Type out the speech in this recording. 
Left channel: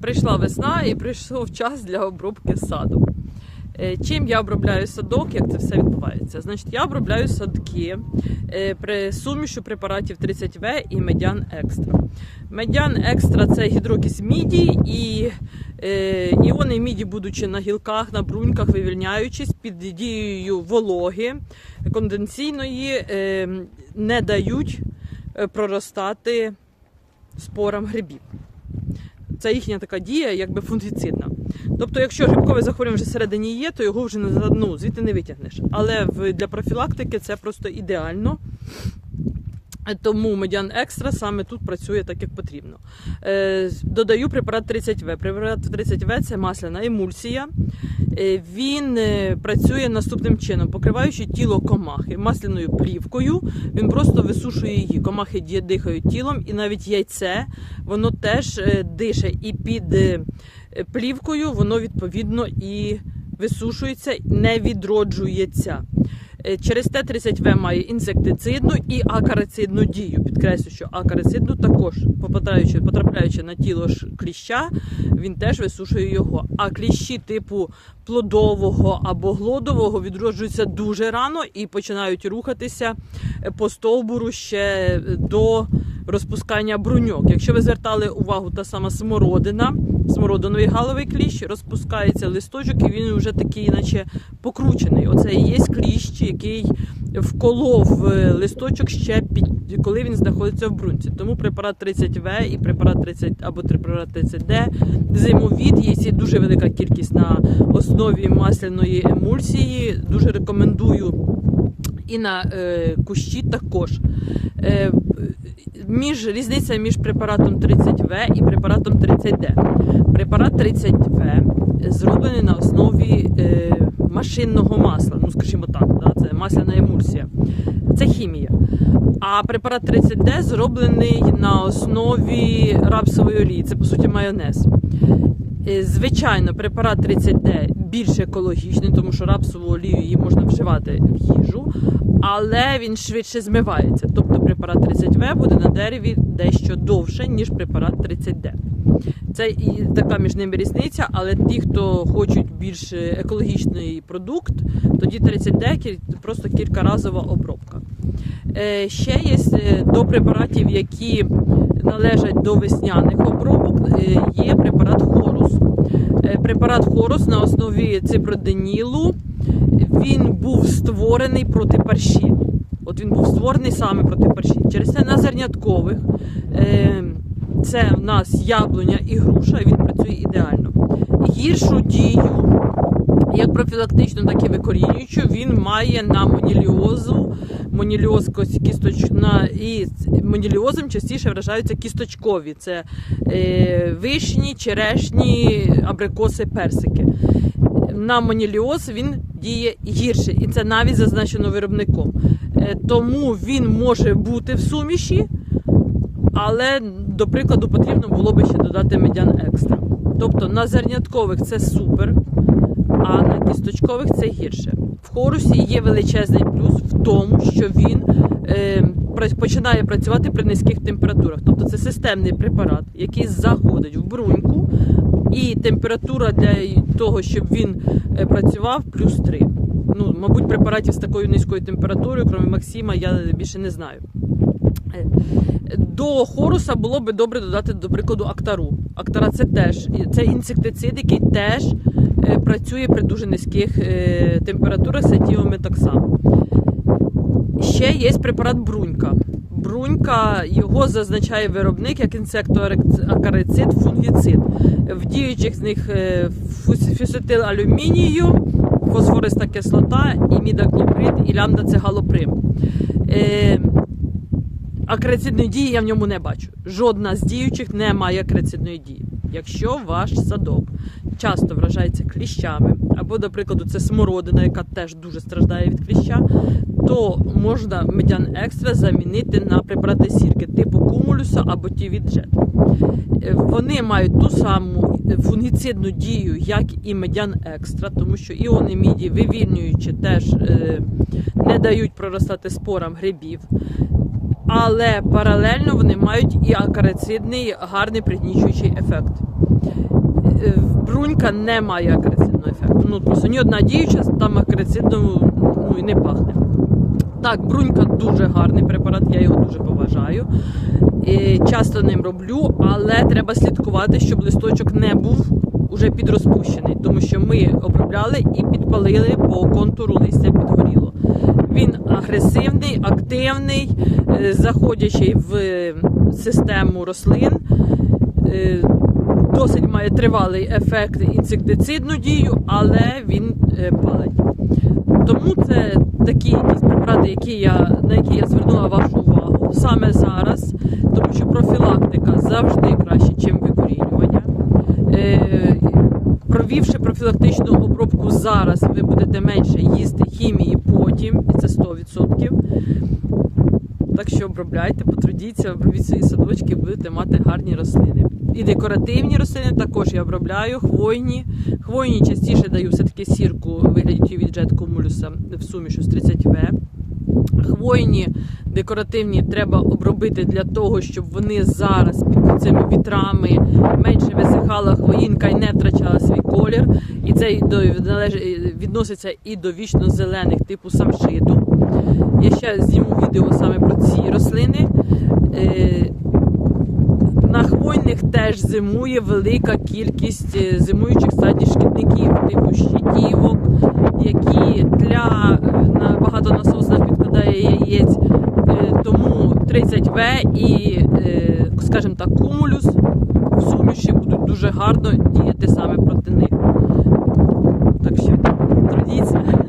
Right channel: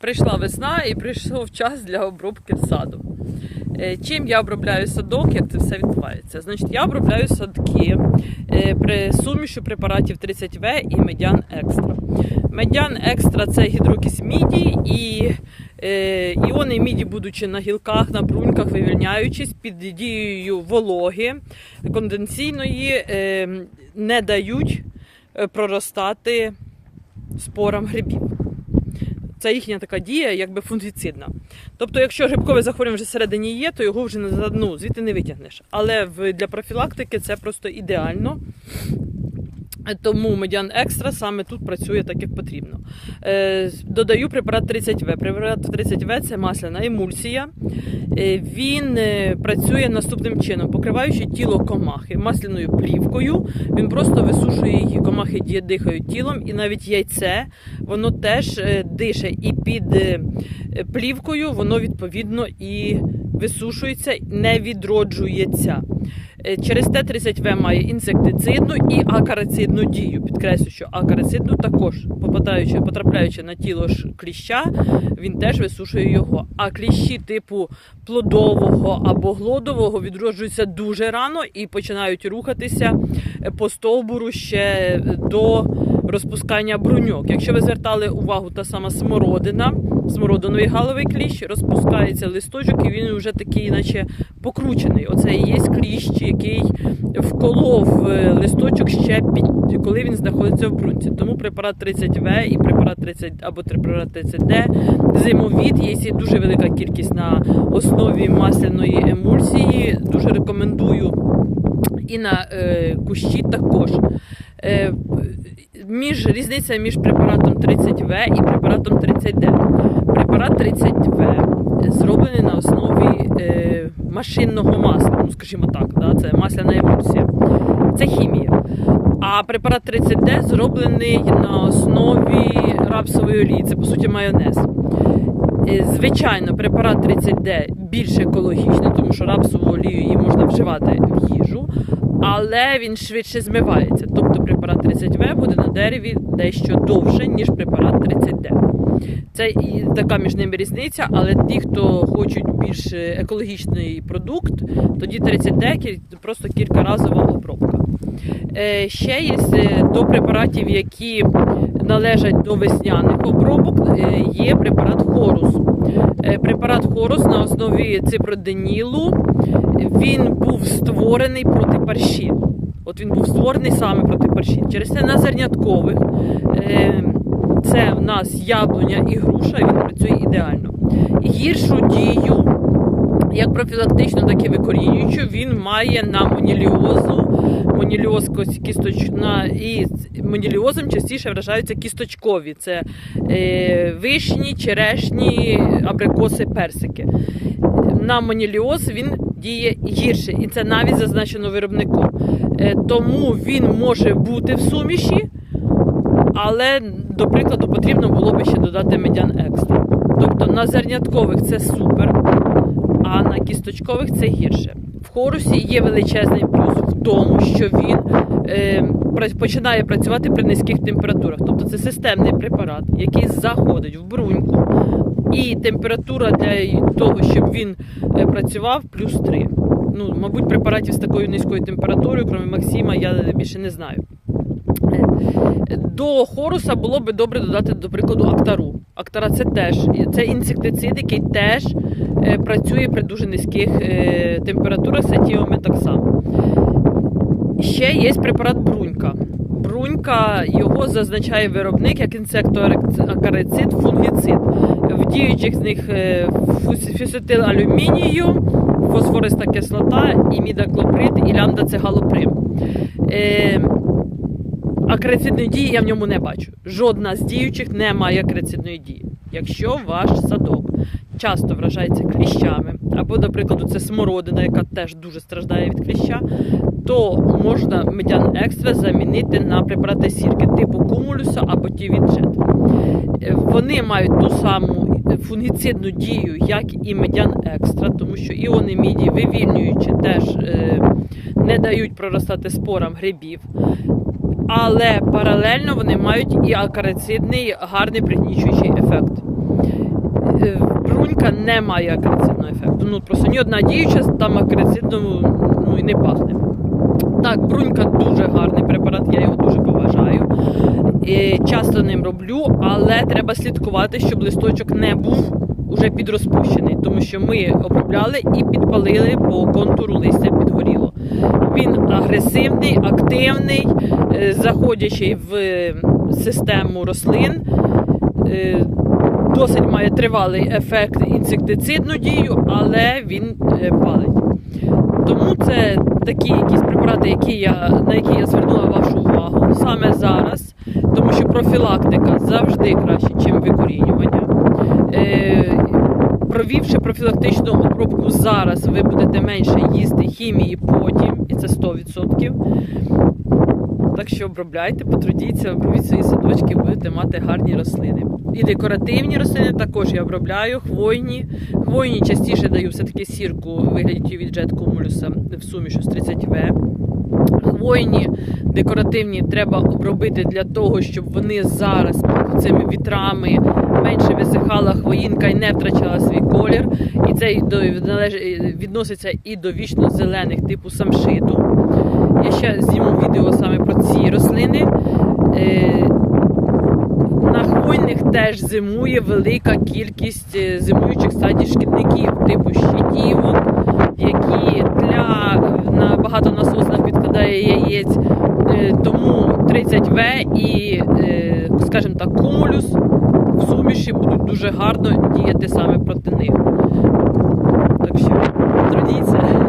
Прийшла весна і прийшов час для обробки саду. Е, Чим я обробляю садок, як це все відбувається? Значить, я обробляю садки е, при сумішу препаратів 30В і медян екстра. Медян екстра це гідрокіс міді і е, іони міді, будучи на гілках, на бруньках, вивільняючись під дією вологи конденсійної, не дають проростати спорам грибів. Це їхня така дія, якби фунгіцидна. Тобто, якщо грибкове захворювання вже всередині є, то його вже ну, звідти не витягнеш. Але для профілактики це просто ідеально. Тому медян екстра саме тут працює так, як потрібно. Е, додаю препарат 30В. Препарат 30В це масляна емульсія. Е, він е, працює наступним чином, покриваючи тіло комахи масляною плівкою. Він просто висушує її. Комахи дихають тілом, і навіть яйце воно теж дише. І під плівкою воно відповідно і висушується, не відроджується. Е, Через те 30В має інсектицидну і акарицидну дію. Підкреслю, що акарицидну також попадаючи, потрапляючи на тіло ж кліща, він теж висушує його. А кліщі типу плодового або глодового відроджуються дуже рано і починають рухатися е, по стовбуру ще до розпускання бруньок. Якщо ви звертали увагу, та сама смородина, смородиновий галовий кліщ, розпускається листочок, і він вже такий, наче покручений. Оце і є кліщ, який вколов е, листочок ще під коли він знаходиться в брунці. Тому препарат 30В і препарат 30 або препарат 30Д зимовід є дуже велика кількість на основі масляної емульсії. Дуже рекомендую і на е, кущі також. Е, між різниця між препаратом 30В і препаратом 30Д. Препарат 30В зроблений на основі е, машинного масла. Ну, скажімо так, да, це масляна емульсія. Це хімія. А препарат 30D зроблений на основі рапсової олії. Це по суті майонез. Е, Звичайно, препарат 30D більш екологічний, тому що рапсову олію її можна вживати в їжу, але він швидше змивається. Тобто препарат 30В буде на дереві дещо довше, ніж препарат 30D. Це і така між ними різниця, але ті, хто хочуть більш екологічний продукт, тоді 30D просто кількаразова обробка. Е, Ще є е, до препаратів, які належать до весняних обробок, е, є препарат Хорус. Е, Препарат Хорус на основі ципроденілу він був створений проти парші. От він був створений саме проти парші. Через це на зерняткових е, це в нас яблуня і груша, і він працює ідеально. Гіршу дію, як профілактичну, так і викорінюючу, він має на моніліозу, моніліоз кісточна і моніліозом частіше вражаються кісточкові. Це е, вишні, черешні, абрикоси, персики. На моніліоз він діє гірше, і це навіть зазначено виробником. Е, тому він може бути в суміші, але, до прикладу, потрібно було би ще додати медян екстра. Тобто на зерняткових це супер, а на кісточкових це гірше. В хорусі є величезний плюс в тому, що він е, починає працювати при низьких температурах. Тобто це системний препарат, який заходить в бруньку, і температура для того, щоб він е, працював, плюс 3. Ну, мабуть, препаратів з такою низькою температурою, крім Максима, я більше не знаю. Е, До хоруса було би добре додати, до прикладу, актару. Актара це теж це інсектицид, який теж працює при дуже низьких е, температурах, сатіоми так само. Ще є препарат брунька. Брунька його зазначає виробник як інсектоакарицид, фунгіцид. В діючих з них е, алюмінію, фосфориста кислота, імідаклоприд і лямда-цегалоприм. Е, акрицидної дії я в ньому не бачу. Жодна з діючих не має акрицидної дії. Якщо ваш садок часто вражається кліщами, або, до прикладу, це смородина, яка теж дуже страждає від кліща, то можна медян екстра замінити на препарати сірки типу кумулюса або тівіджет. Е, Вони мають ту саму фунгіцидну дію, як і медян екстра, тому що іони міді, вивільнюючи, теж е, не дають проростати спорам грибів. Але паралельно вони мають і акарицидний гарний пригнічуючий ефект. Брунька не має акарицидного ефекту. Ну просто ні одна діюча там акарицидом ну, і не пахне. Так, брунька дуже гарний препарат, я його дуже поважаю. І часто ним роблю, але треба слідкувати, щоб листочок не був уже підрозпущений, тому що ми обробляли і підпалили по контуру листя підгоріло. Він агресивний, активний, е, заходячий в систему рослин. Досить має тривалий ефект інсектицидну дію, але він е, палить. Тому це такі якісь препарати, які я, на які я звернула вашу увагу саме зараз, тому що профілактика завжди краще, ніж викорінювання. Е, провівши профілактичну обробку зараз, ви будете менше їсти хімії потім, і це 100%. Так що обробляйте, потрудіться, обробіть свої садочки, будете мати гарні рослини. І декоративні рослини також я обробляю, хвойні. Хвойні частіше даю все-таки сірку у вигляді від Jet Cumulus в сумішу з 30В. Хвойні декоративні треба обробити для того, щоб вони зараз під цими вітрами менше висихала хвоїнка і не втрачала свій колір. І це відноситься і до вічно зелених типу самшиту. Я ще зніму відео саме про ці рослини. Е, теж зимує велика кількість е, зимуючих стадій шкідників, типу щитівок, які для на багатонасоснах відкладає яєць. Е, Тому 30В і, е, скажімо так, кумулюс в суміші будуть дуже гарно діяти саме проти них. Так що трудіться.